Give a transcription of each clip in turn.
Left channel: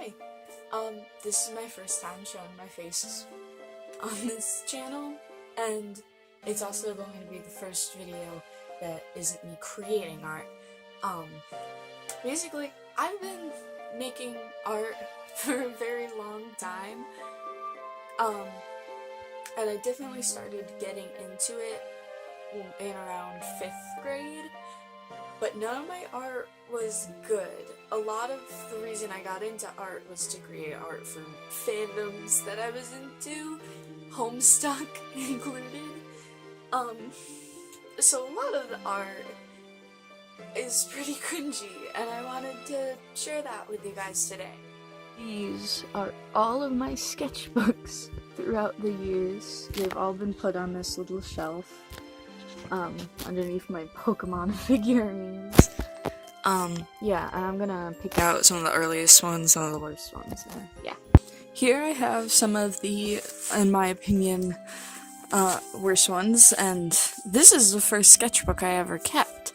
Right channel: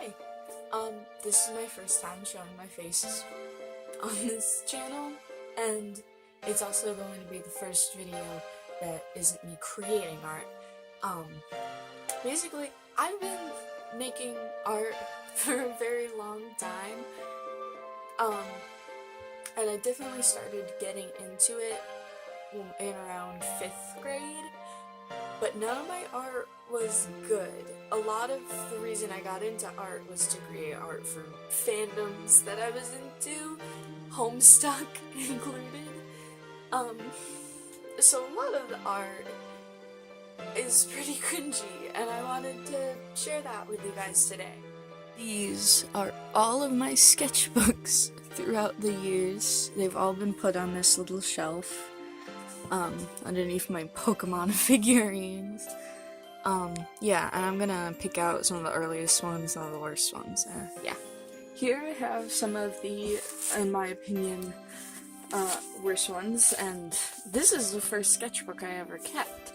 Hi, this is my first time showing my face on this channel, and it's also going to be the first video that isn't me creating art. Basically, I've been making art for a very long time, and I definitely started getting into it in around 5th grade. But none of my art was good. A lot of the reason I got into art was to create art for fandoms that I was into, Homestuck included. So a lot of the art is pretty cringy, and I wanted to share that with you guys today. These are all of my sketchbooks throughout the years. They've all been put on this little shelf. Underneath my Pokemon figurines. Yeah, and I'm gonna pick out some of the earliest ones, some of the worst ones, yeah. Here I have some of the, in my opinion, worst ones, and this is the first sketchbook I ever kept.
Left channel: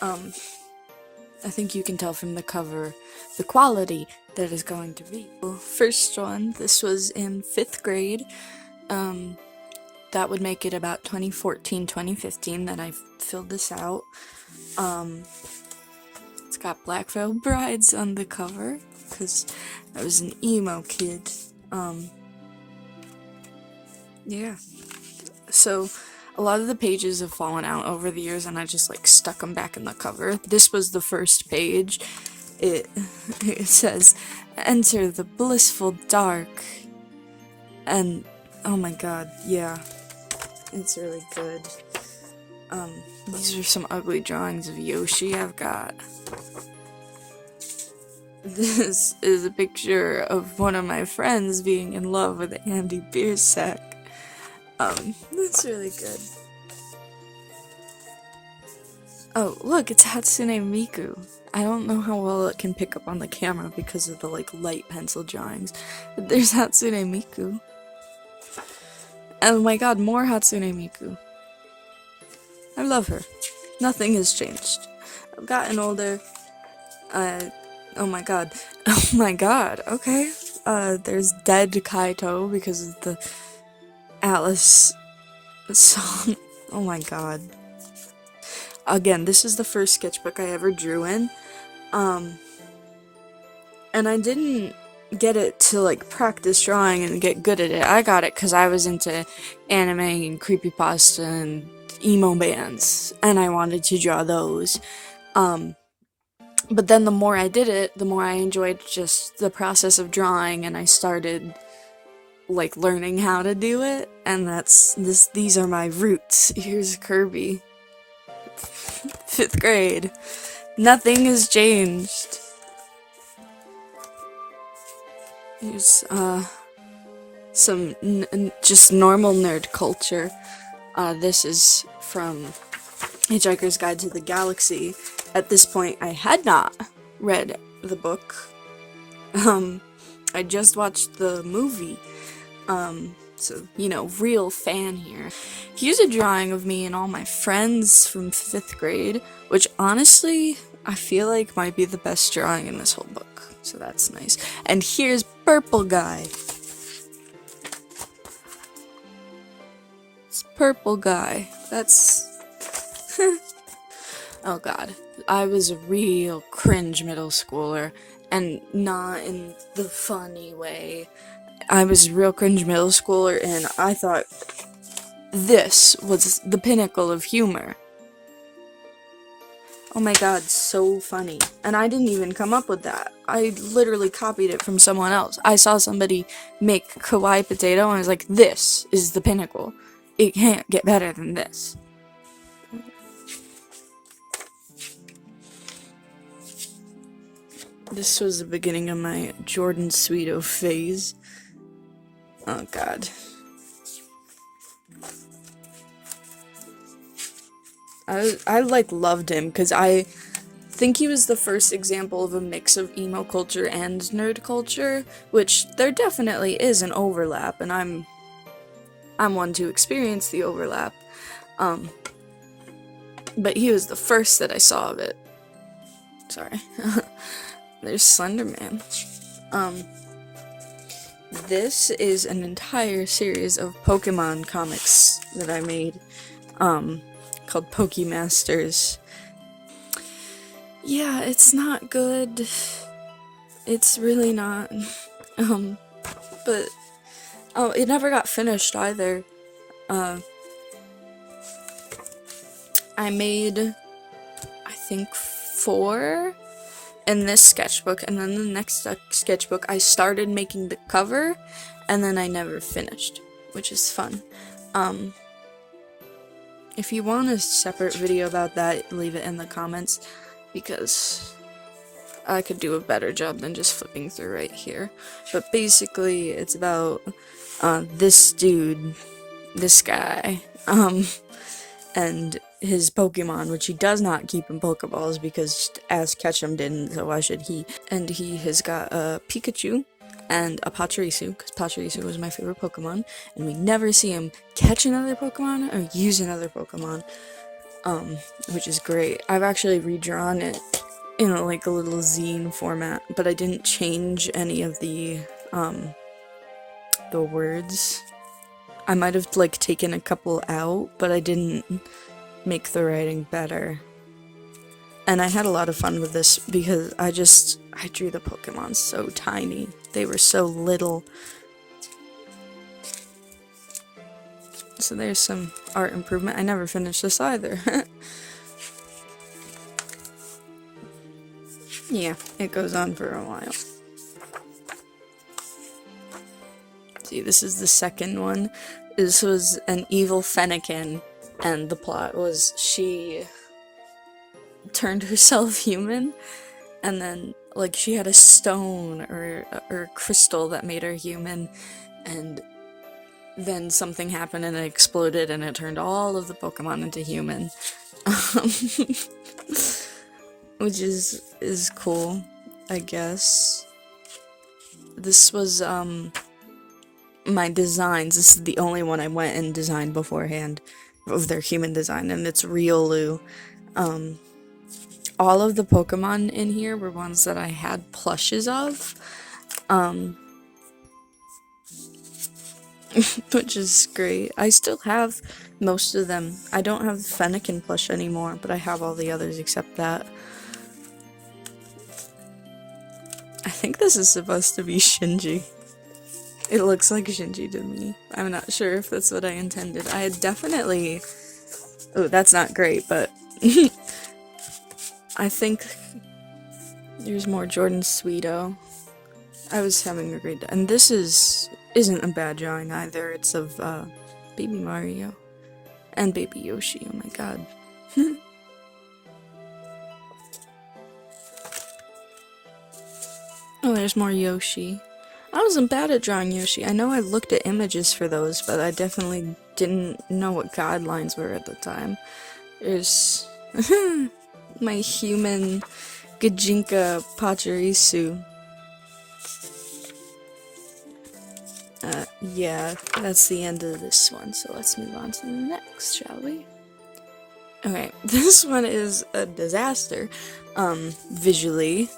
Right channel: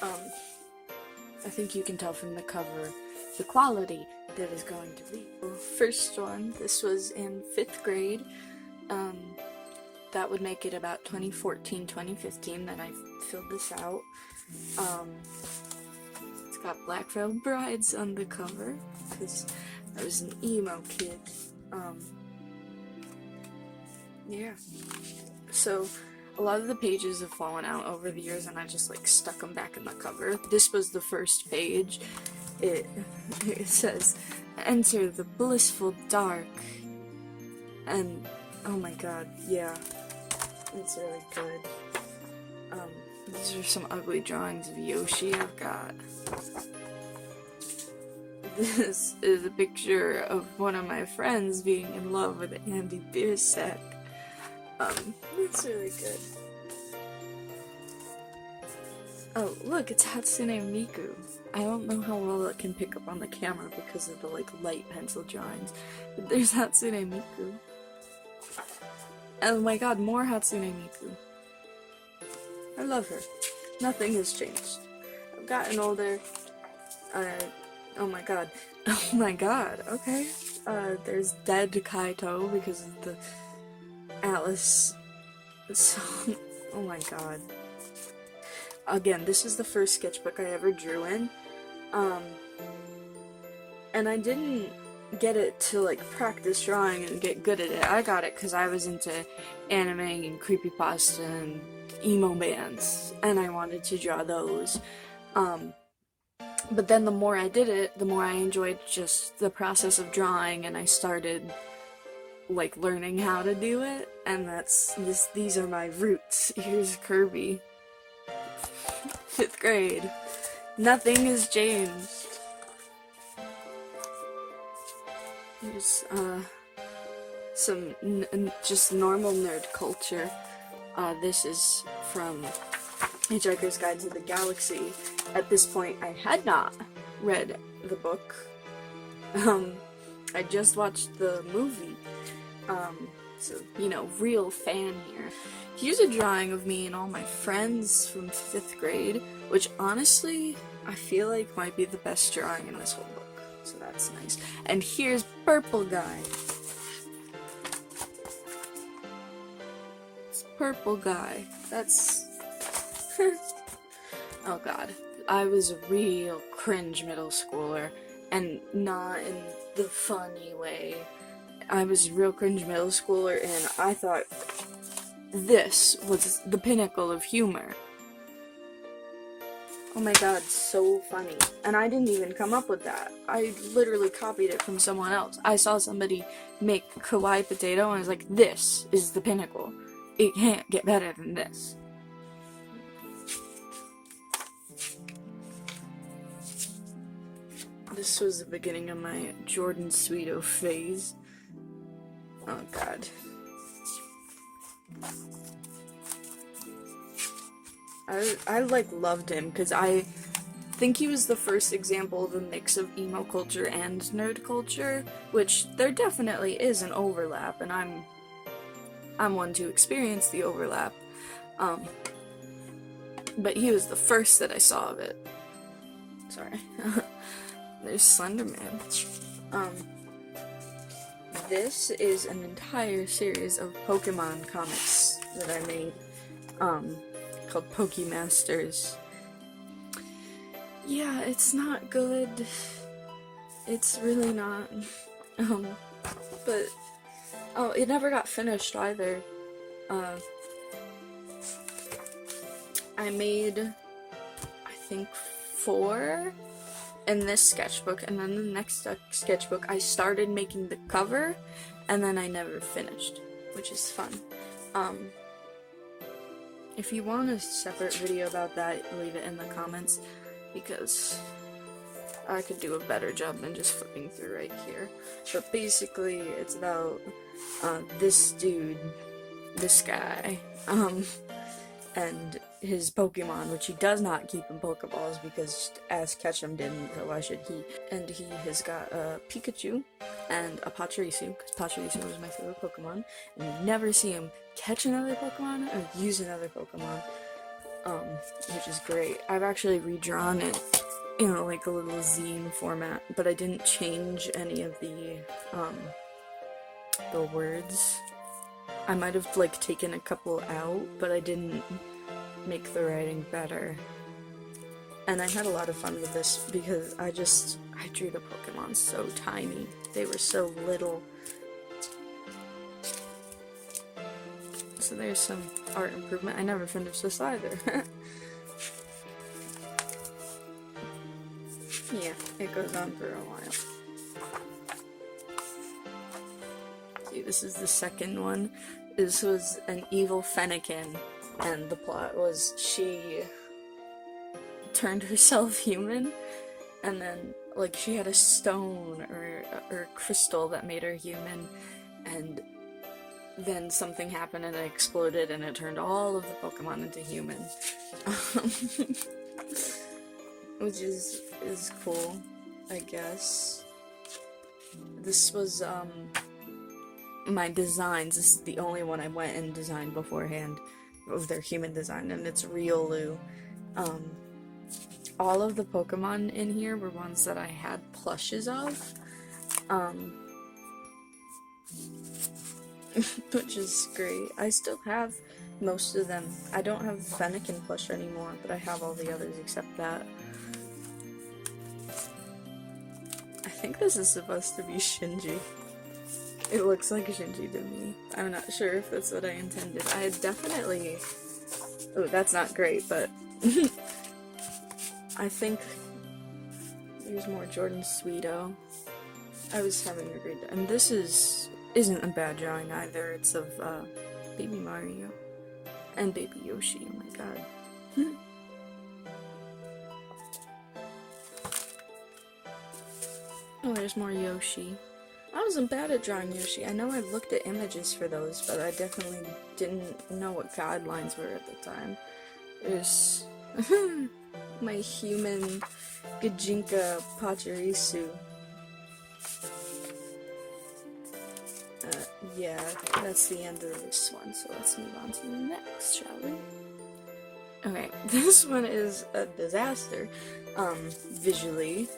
I think you can tell from the cover the quality that is going to be. First one, this was in 5th grade. That would make it about 2014, 2015 that I filled this out. It's got Black Veil Brides on the cover, because I was an emo kid. Yeah. So, a lot of the pages have fallen out over the years, and I just, stuck them back in the cover. This was the first page. It says, "Enter the blissful dark." And, oh my god, yeah. It's really good. These are some ugly drawings of Yoshi I've got. This is a picture of one of my friends being in love with Andy Biersack. That's really good. Oh, look, it's Hatsune Miku. I don't know how well it can pick up on the camera because of the, light pencil drawings, but there's Hatsune Miku. Oh my god, more Hatsune Miku. I love her. Nothing has changed. I've gotten older. Oh my god. Oh my god, okay. There's Dead Kaito because of the Alice song. Oh my god. Again, this is the first sketchbook I ever drew in. And I didn't get it to practice drawing and get good at it. I got it because I was into anime and creepypasta and emo bands, and I wanted to draw those. But then the more I did it, the more I enjoyed just the process of drawing, and I started learning how to do it, and these are my roots. Here's Kirby. 5th grade. Nothing has changed. Here's, some just normal nerd culture. This is from Hitchhiker's Guide to the Galaxy. At this point, I had not read the book. I just watched the movie. So, real fan here. Here's a drawing of me and all my friends from 5th grade, which honestly, I feel like might be the best drawing in this whole book. So that's nice. And here's Purple Guy. It's Purple Guy. That's... Oh god. I was a real cringe middle schooler, and not in the funny way. I was a real cringe middle schooler, and I thought this was the pinnacle of humor. Oh my god, so funny. And I didn't even come up with that. I literally copied it from someone else. I saw somebody make kawaii potato, and I was like, this is the pinnacle. It can't get better than this. This was the beginning of my Jordan Sweeto phase. Oh god. I loved him because I think he was the first example of a mix of emo culture and nerd culture, which there definitely is an overlap, and I'm one to experience the overlap. But he was the first that I saw of it. Sorry. There's Slender Man. This is an entire series of Pokemon comics that I made, called Pokemasters. Yeah, it's not good. It's really not. But, it never got finished either. I made, I think, 4 in this sketchbook, and then the next sketchbook I started making the cover, and then I never finished, which is fun. If you want a separate video about that, leave it in the comments, because I could do a better job than just flipping through right here. But basically, it's about this dude, this guy, and his Pokemon, which he does not keep in Pokeballs because Ash Ketchum didn't, so why should he? And he has got a Pikachu and a Pachirisu, because Pachirisu was my favorite Pokemon, and we never see him catch another Pokemon or use another Pokemon, which is great. I've actually redrawn it in like a little zine format, but I didn't change any of the words. I might have like taken a couple out, but I didn't make the writing better. And I had a lot of fun with this because I drew the Pokemon so tiny. They were so little. So there's some art improvement. I never finished this either. Yeah, it goes on for a while. See, this is the second one. This was an evil Fennekin, and the plot was she turned herself human, and then, like, she had a stone or a crystal that made her human, and then something happened and it exploded and it turned all of the Pokemon into human. Which is cool, I guess. This was, my designs. This is the only one I went and designed beforehand of their human design, and it's Riolu. All of the Pokemon in here were ones that I had plushes of, which is great. I still have most of them. I don't have the Fennekin plush anymore, but I have all the others except that. I think this is supposed to be Shinji. It looks like Shinji to me. I'm not sure if that's what I intended. I had definitely... Oh, that's not great, but... I think there's more Jordan Sweeto. I was having a great day. And this isn't a bad drawing either. It's of Baby Mario and Baby Yoshi. Oh my god. Oh, there's more Yoshi. I wasn't bad at drawing Yoshi. I know I looked at images for those, but I definitely didn't know what guidelines were at the time. There's my human Gajinka Pachirisu. Yeah, that's the end of this one, so let's move on to the next, shall we? Okay, this one is a disaster, visually.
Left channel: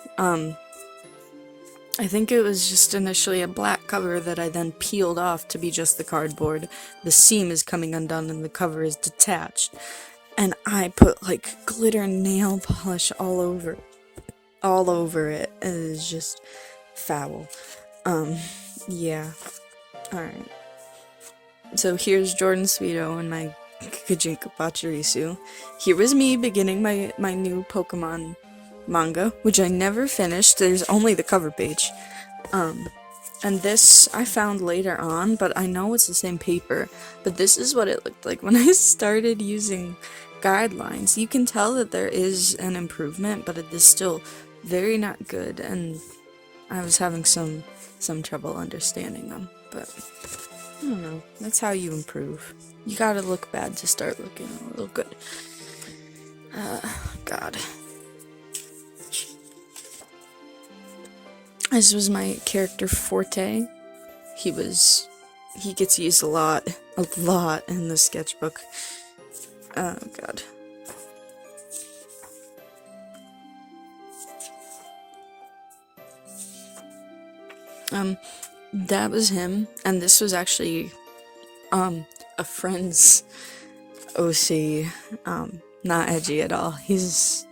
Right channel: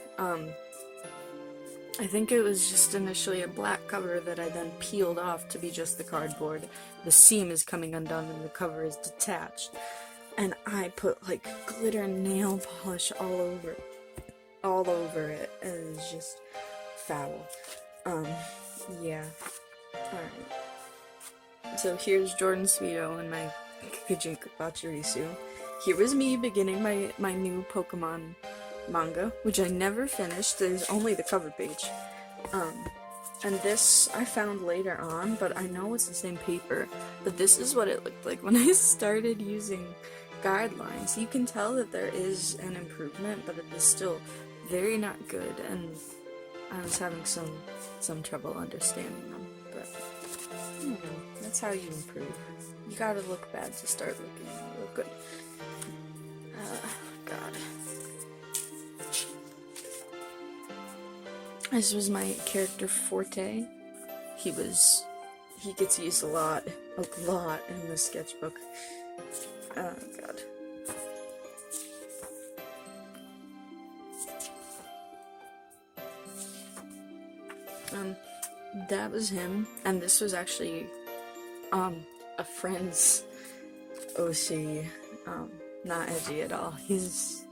I think it was just initially a black cover that I then peeled off to be just the cardboard. The seam is coming undone and the cover is detached. And I put, like, glitter nail polish all over it. And it is just foul. Yeah. Alright. So here's Jordan Sweeto and my Kajinka Pachirisu. Here was me beginning my new Pokemon manga, which I never finished. There's only the cover page. And this I found later on, but I know it's the same paper. But this is what it looked like when I started using guidelines. You can tell that there is an improvement, but it is still very not good, and I was having some trouble understanding them. But I don't know. That's how you improve. You gotta look bad to start looking a little good. God. This was my character Forte. He gets used a lot in the sketchbook. Oh god. That was him, and this was actually, a friend's OC, not edgy at all. He's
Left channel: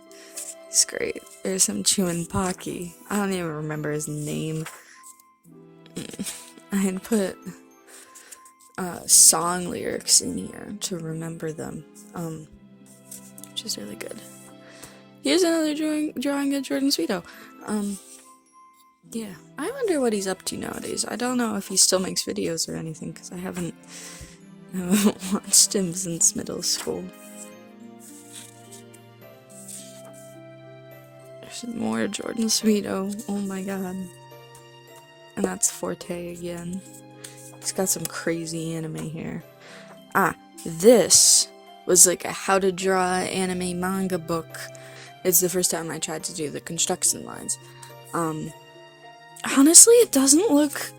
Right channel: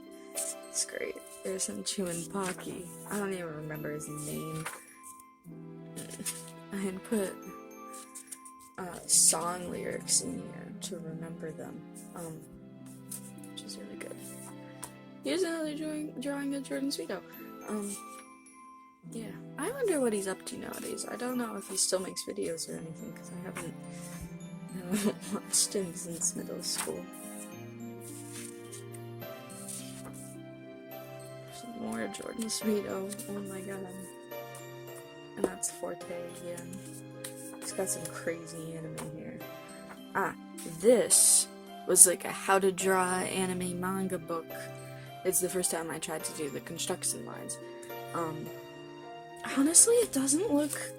great. There's him chewing Pocky. I don't even remember his name. I had put song lyrics in here to remember them, which is really good. Here's another drawing of Jordan Sweeto. Yeah, I wonder what he's up to nowadays. I don't know if he still makes videos or anything, because I haven't watched him since middle school. There's more Jordan Sweeto. Oh my god. And that's Forte again. He's got some crazy anime here. This was like a how to draw anime manga book. It's the first time I tried to do the construction lines. Honestly, it doesn't look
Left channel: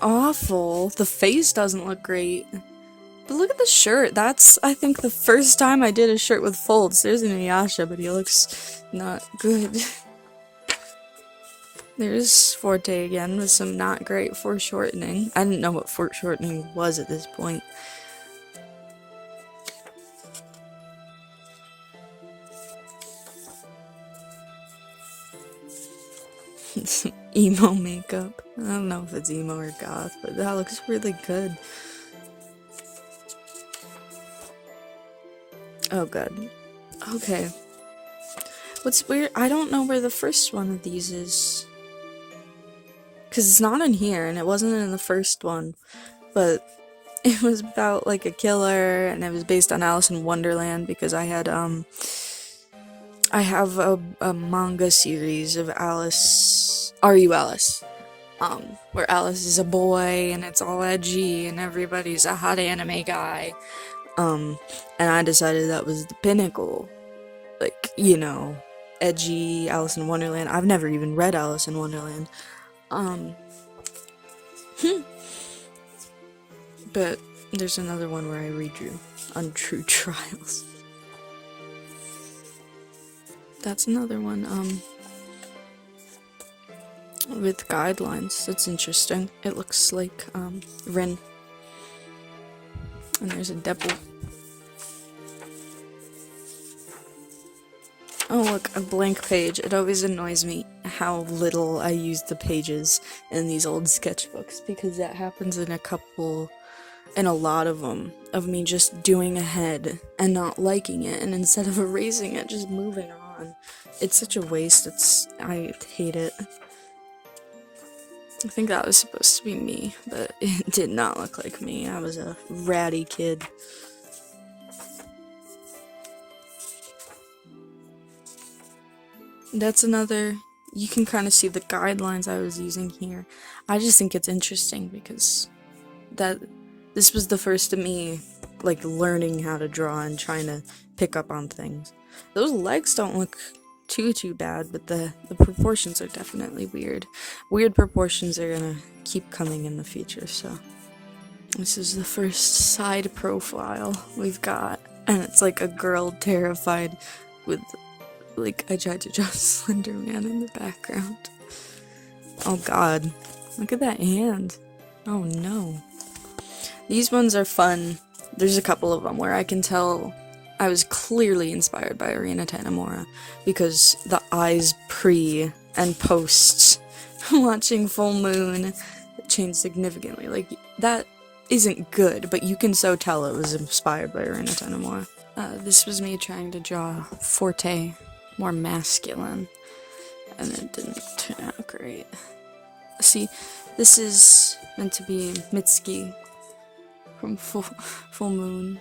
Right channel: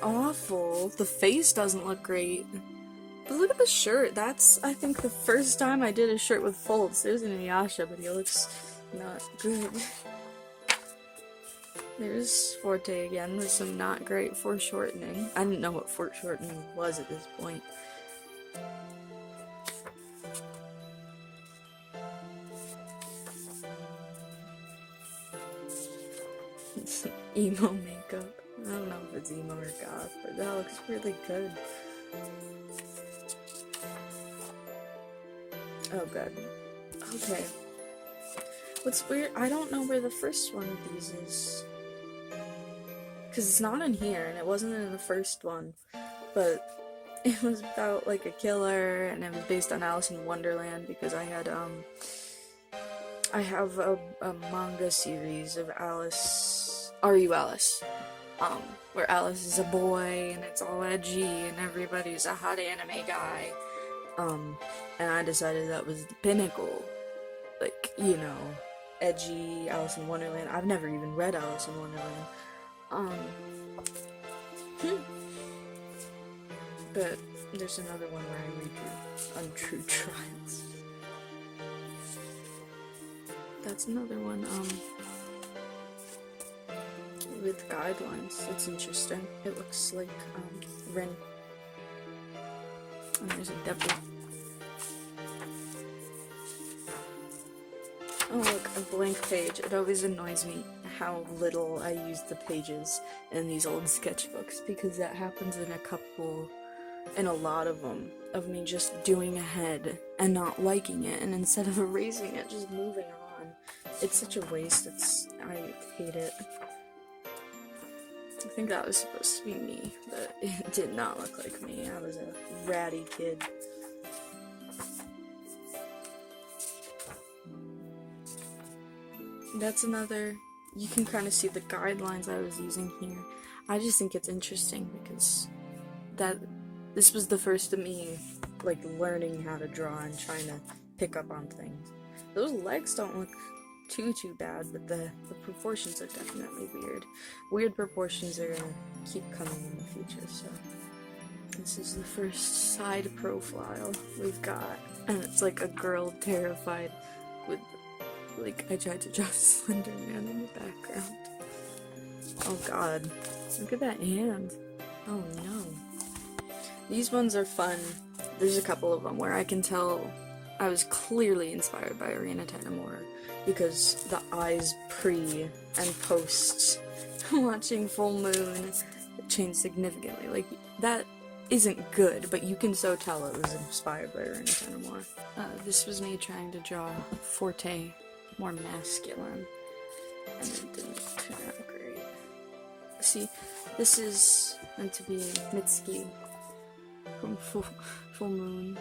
awful. The face doesn't look great. But look at the shirt. That's, I think, the first time I did a shirt with folds. There's Inuyasha, but he looks not good. There's Forte again with some not great foreshortening. I didn't know what foreshortening was at this point. Some emo makeup. I don't know if it's emo or goth, but that looks really good. Oh god. Okay. What's weird, I don't know where the first one of these is. Because it's not in here, and it wasn't in the first one. But it was about, like, a killer, and it was based on Alice in Wonderland, because I had, I have a manga series of Alice, Are You Alice? Where Alice is a boy, and it's all edgy, and everybody's a hot anime guy. And I decided that was the pinnacle. Like, you know, edgy Alice in Wonderland. I've never even read Alice in Wonderland. But there's another one where I redrew Untrue Trials. That's another one, with guidelines. That's interesting. It looks like, Rin. And there's a devil. Oh look, a blank page. It always annoys me how little I use the pages in these old sketchbooks, because that happens in a lot of them, of me just doing ahead and not liking it, and instead of erasing it, just moving on. It's such a waste. I hate it. I think that was supposed to be me, but it did not look like me. I was a ratty kid. That's another, you can kind of see the guidelines I was using here. I just think it's interesting because this was the first of me, like, learning how to draw and trying to pick up on things. Those legs don't look too bad, but the proportions are definitely weird. Weird proportions are gonna keep coming in the future, so. This is the first side profile we've got, and it's like a girl terrified with, like, I tried to draw Slender Man in the background. Oh god, look at that hand. Oh no. These ones are fun. There's a couple of them where I can tell I was clearly inspired by Arena Tanamura, because the eyes pre and post watching Full Moon changed significantly. Like, that isn't good, but you can so tell it was inspired by Arena Tanamura. This was me trying to draw Forte more masculine, and it didn't turn out great. See, this is meant to be Mitsuki from Full Moon.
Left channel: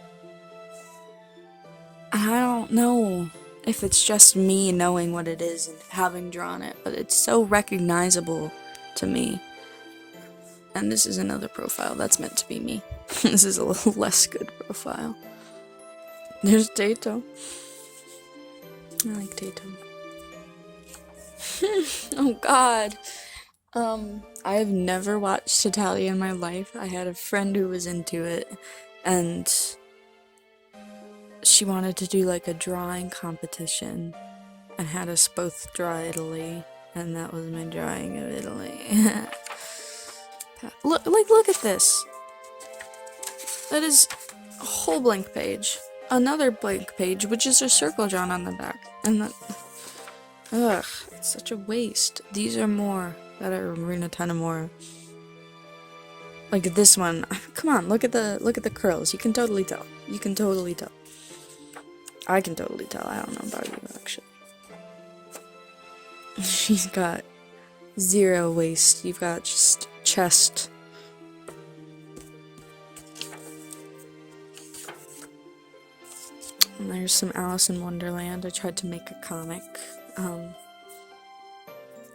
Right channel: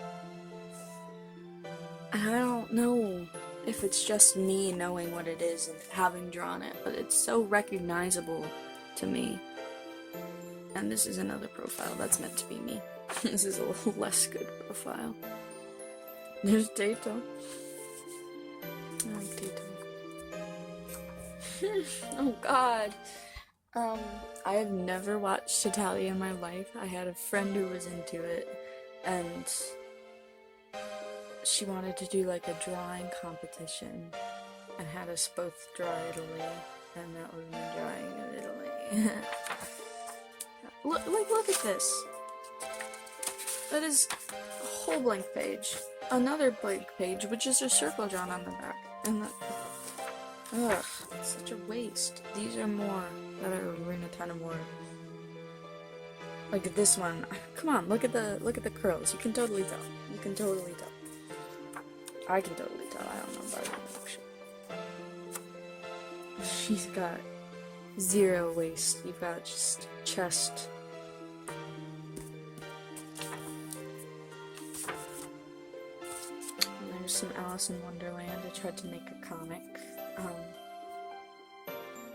And I don't know if it's just me knowing what it is and having drawn it, but it's so recognizable to me. And this is another profile that's meant to be me. This is a little less good profile. There's Tato. I like Tato. Oh god. I have never watched Italia in my life. I had a friend who was into it, and she wanted to do like a drawing competition and had us both draw Italy, and that was my drawing of Italy. Look at this. That is a whole blank page. Another blank page, which is a circle drawn on the back. And that... Ugh, it's such a waste. These are more. Gotta ruin a ton of more. Like this one. Come on, look at the curls. You can totally tell. You can totally tell. I can totally tell. I don't know about you, actually. She's got 0 waist. You've got just chest. And there's some Alice in Wonderland. I tried to make a comic.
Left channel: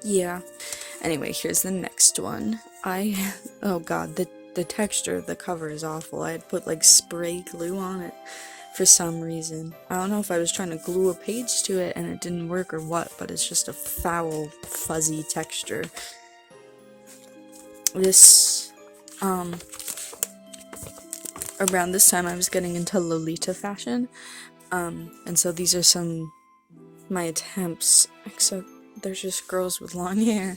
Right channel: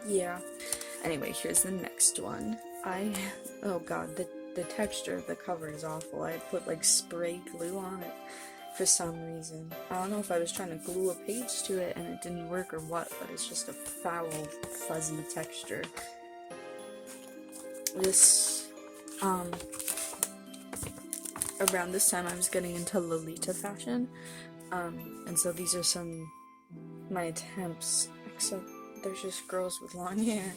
Yeah. Anyway, here's the next one. Oh god, the texture of the cover is awful. I had put like spray glue on it for some reason. I don't know if I was trying to glue a page to it and it didn't work or what, but it's just a foul, fuzzy texture. This, around this time I was getting into Lolita fashion, and so these are my attempts, except there's just girls with long hair.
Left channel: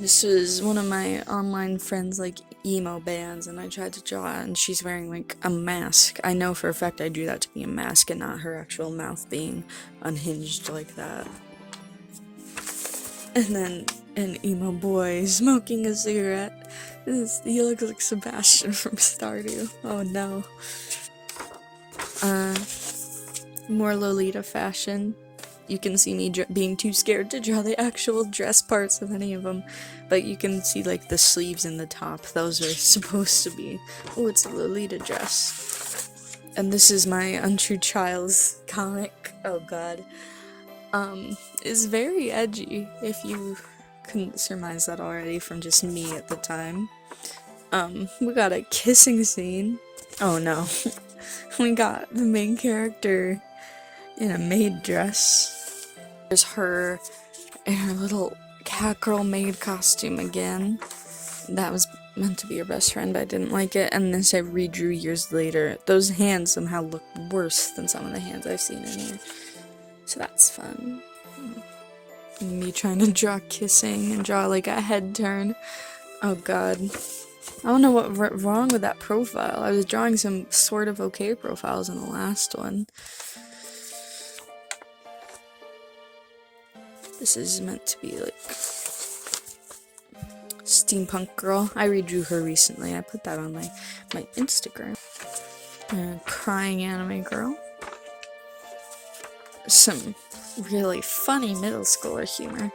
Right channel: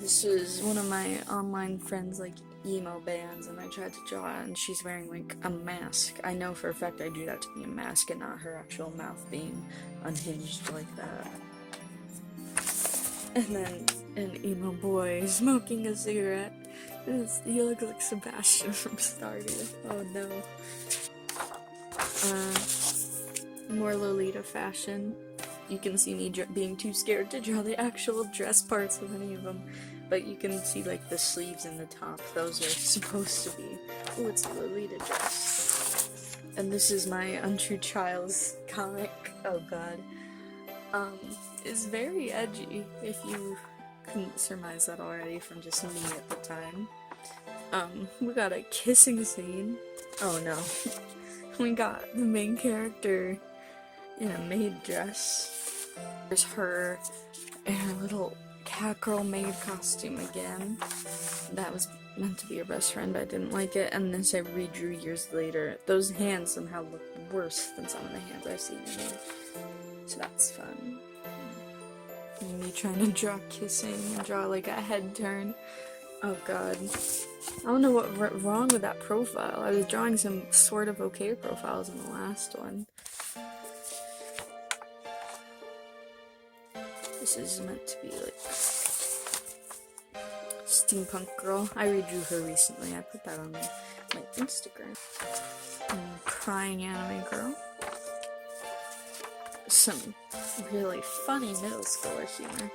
This was one of my online friends, like, emo bands, and I tried to draw it, and she's wearing, like, a mask. I know for a fact I drew that to be a mask and not her actual mouth being unhinged like that. And then an emo boy smoking a cigarette. He looks like Sebastian from Stardew. Oh no. More Lolita fashion. You can see me being too scared to draw the actual dress parts of any of them, but you can see like the sleeves and the top. Those are supposed to be. Oh, it's a Lolita dress. And this is my Untrue Child's comic. Oh god. It's very edgy, if you couldn't surmise that already from just me at the time. We got a kissing scene. Oh no. We got the main character in a maid dress. There's her in her little cat girl maid costume again. That was meant to be her best friend. I didn't like it, and this I redrew years later. Those hands somehow look worse than some of the hands I've seen in here. So that's fun. And me trying to draw kissing and draw like a head turn. Oh god. I don't know what wrong with that profile. I was drawing some sort of okay profiles in the last one. This is meant to be like steampunk girl. I redrew her recently. I put that on my Instagram. Crying anime girl. Some really funny middle schooler humor.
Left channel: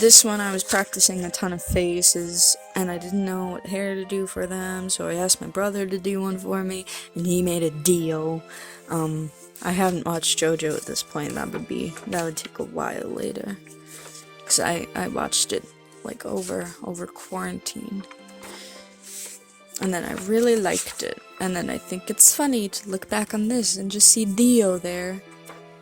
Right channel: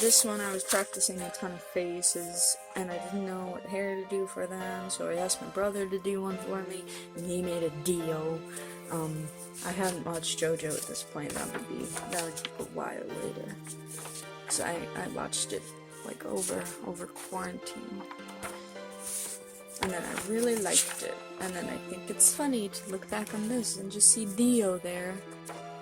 This one I was practicing a ton of faces, and I didn't know what hair to do for them, so I asked my brother to do one for me, and he made a deal. I hadn't watched JoJo at this point. That would take a while later, because I watched it like over quarantine, and then I really liked it, and then I think it's funny to look back on this and just see Dio there.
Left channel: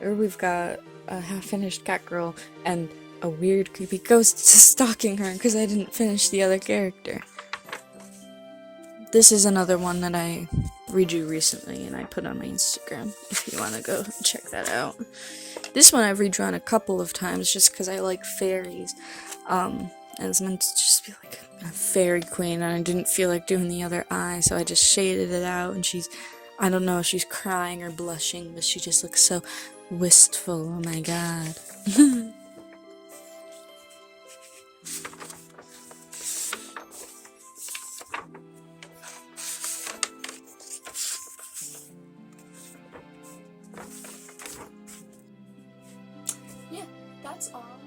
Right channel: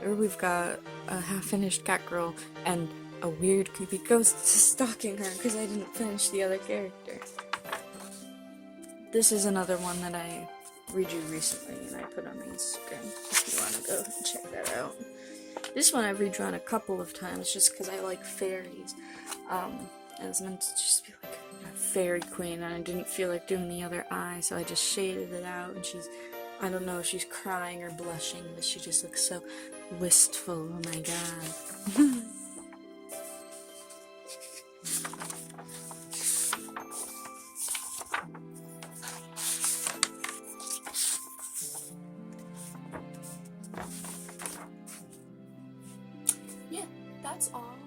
Or we've got a half-finished cat girl and a weird creepy ghost stalking her because I didn't finish the other character. This is another one that I redrew recently and I put on my Instagram if you want to go check that out. This one I've redrawn a couple of times just because I like fairies. And it's meant to just be like a fairy queen, and I didn't feel like doing the other eye, so I just shaded it out, and I don't know if she's crying or blushing, but she just looks so wistful. Oh my god. Yeah, that's all.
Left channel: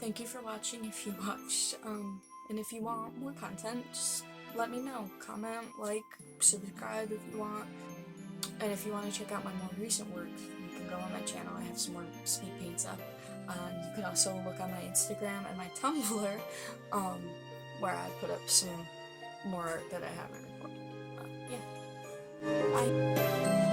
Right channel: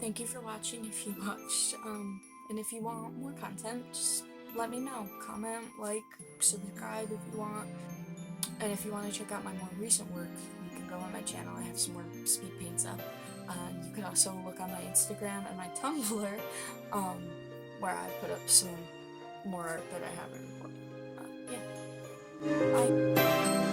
Thank you for watching if you watched, and if you want more content, just let me know. Comment, like, subscribe if you want. And if you want to check out my more recent work, you can go on my channel. I have some more speed paints up. You can also look on my Instagram and my Tumblr, where I put up some more art that I haven't recorded. Yeah. Bye.